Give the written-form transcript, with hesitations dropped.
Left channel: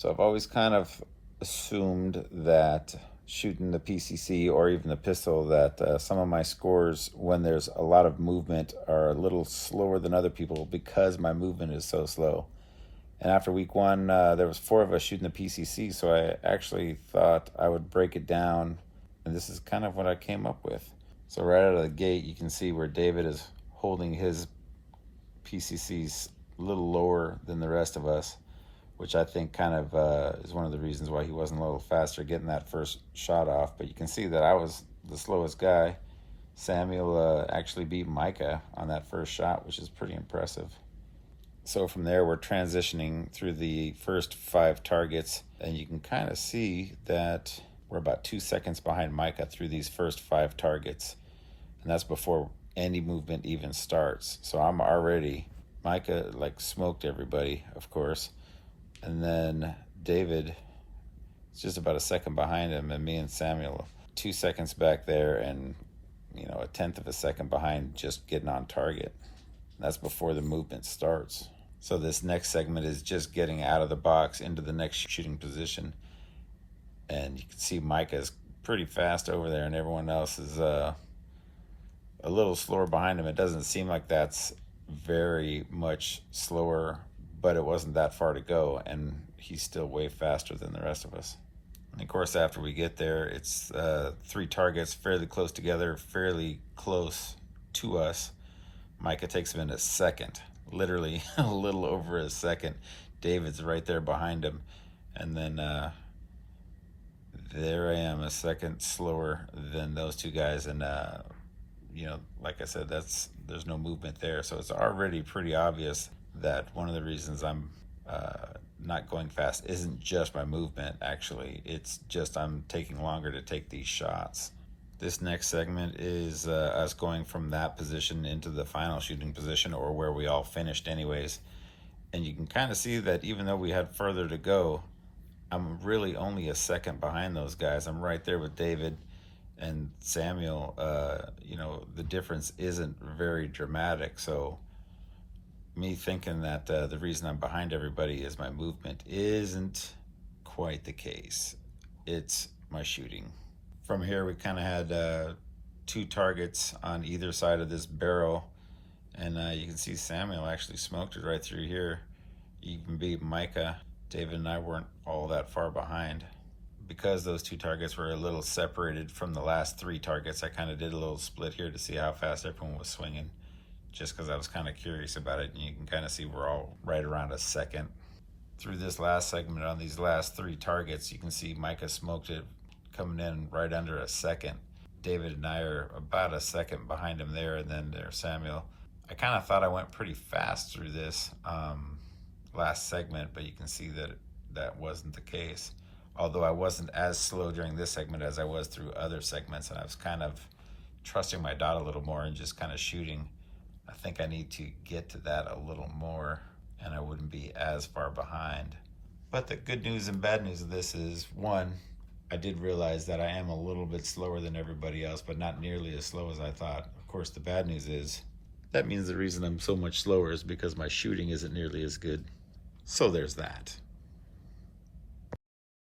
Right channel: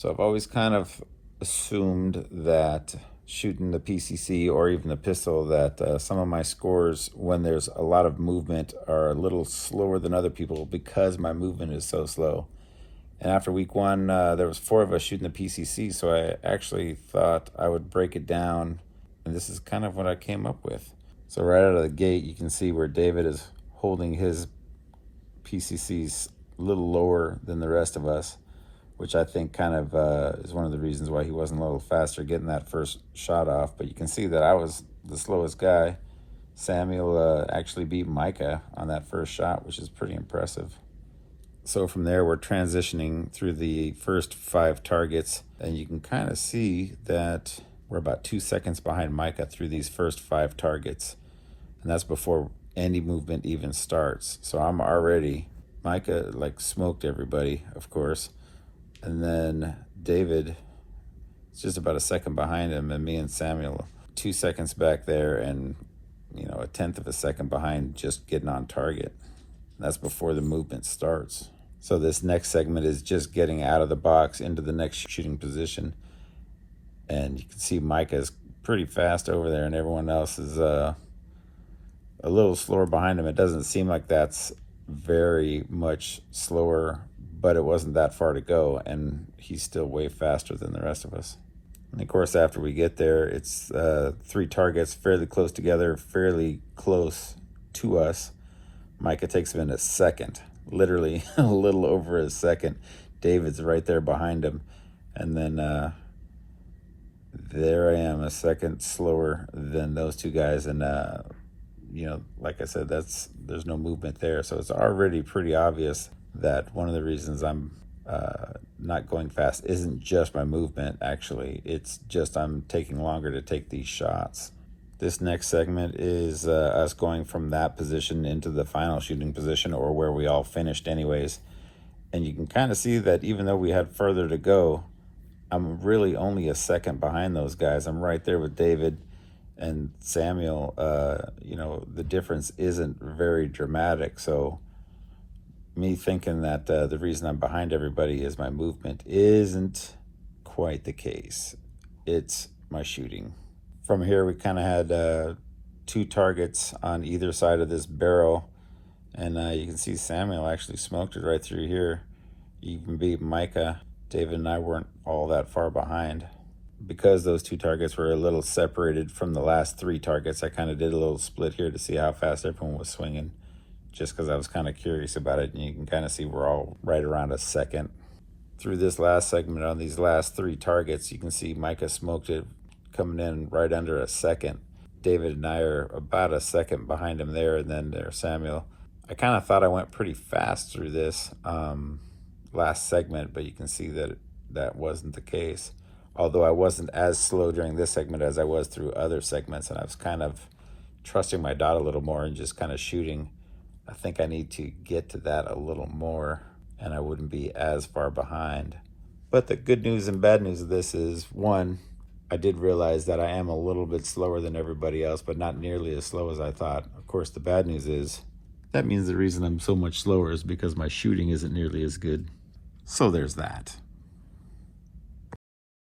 So I've always kind of assumed that shooting the PCC or even the pistol, that some of my scores when there's a lot of movement are a little slower than other people because my movement is so slow. And after week one, there was 4 of us shooting the PCC, so I actually thought I would break it down, and this is kind of what I came up with. So right out of the gate, you can see where David is holding his PCCs a little lower than the rest of us, which I think kind of is one of the reasons why he wasn't a little faster getting that first shot off. But you can see that I was the slowest guy. Samuel actually beat Micah on that first shot, which is pretty impressive. So from there, we're transitioning through the first 5 targets, and you can kind of see that we're about 2 seconds behind Micah through these first 5 targets, and that's before any movement even starts. So I'm already, Micah like smoked everybody, of course, and then David is just about a second behind him, and me and Samuel 2 seconds back there, and a 1/10 of a second behind just getting on target. And that's before the movement starts. So this next segment is just getting out of the box into the next shooting position. And you can see Micah's pretty fast over there, and everyone else is a little slower behind him. It doesn't seem like that's very much slower, but it wasn't that far to go, and he's still way faster than the rest of us. And of course, after we get there, it's 3 targets fairly close together, fairly close to us. Micah takes him in a second, literally a little over a second. David's right there behind him. And then there I am, a second slower than those 2 guys. And, like I said, there's no movement there. So it's already pretty obvious that one of the reasons I'm not going fast isn't just my movement, actually. It's just I'm taking longer to take these shots. This next segment is us going from that position into the final shooting position, or where we all finished anyways. And you can kind of see that even though we had further to go, I'm really only a second behind those guys. I'm right there with David and Samuel. The difference isn't very dramatic. So me thinking that the reason I'm behind everybody is my movement isn't quite the case. It's my shooting. From here, we kind of had 2 targets on either side of this barrel, and you can see Samuel actually smoked it right through here. You can beat Micah. David and I weren't all that far behind. Because those 2 targets were a little separated from the last 3 targets, I kind of did a little split here to see how fast everyone was swinging, just because I was kind of curious about it. And you can kind of see we're all right around a second. Through this last segment on these last 3 targets, you can see Micah smoked it, coming in right under a second. David and I are about a second behind him there, and then there's Samuel. I kind of thought I went pretty fast through this last segment, but you can see that that wasn't the case. Although I wasn't as slow during this segment as I was through other segments, and I was kind of trusting my dot a little more and just kind of shooting. I think I need to get to that a little more, and I wouldn't be as far behind. But the good news and bad news of this is, one, I did realize that I am a little bit slower than everybody else, but not nearly as slow as I thought. Of course, the bad news is that means the reason I'm so much slower is because my shooting isn't nearly as good. So there's that.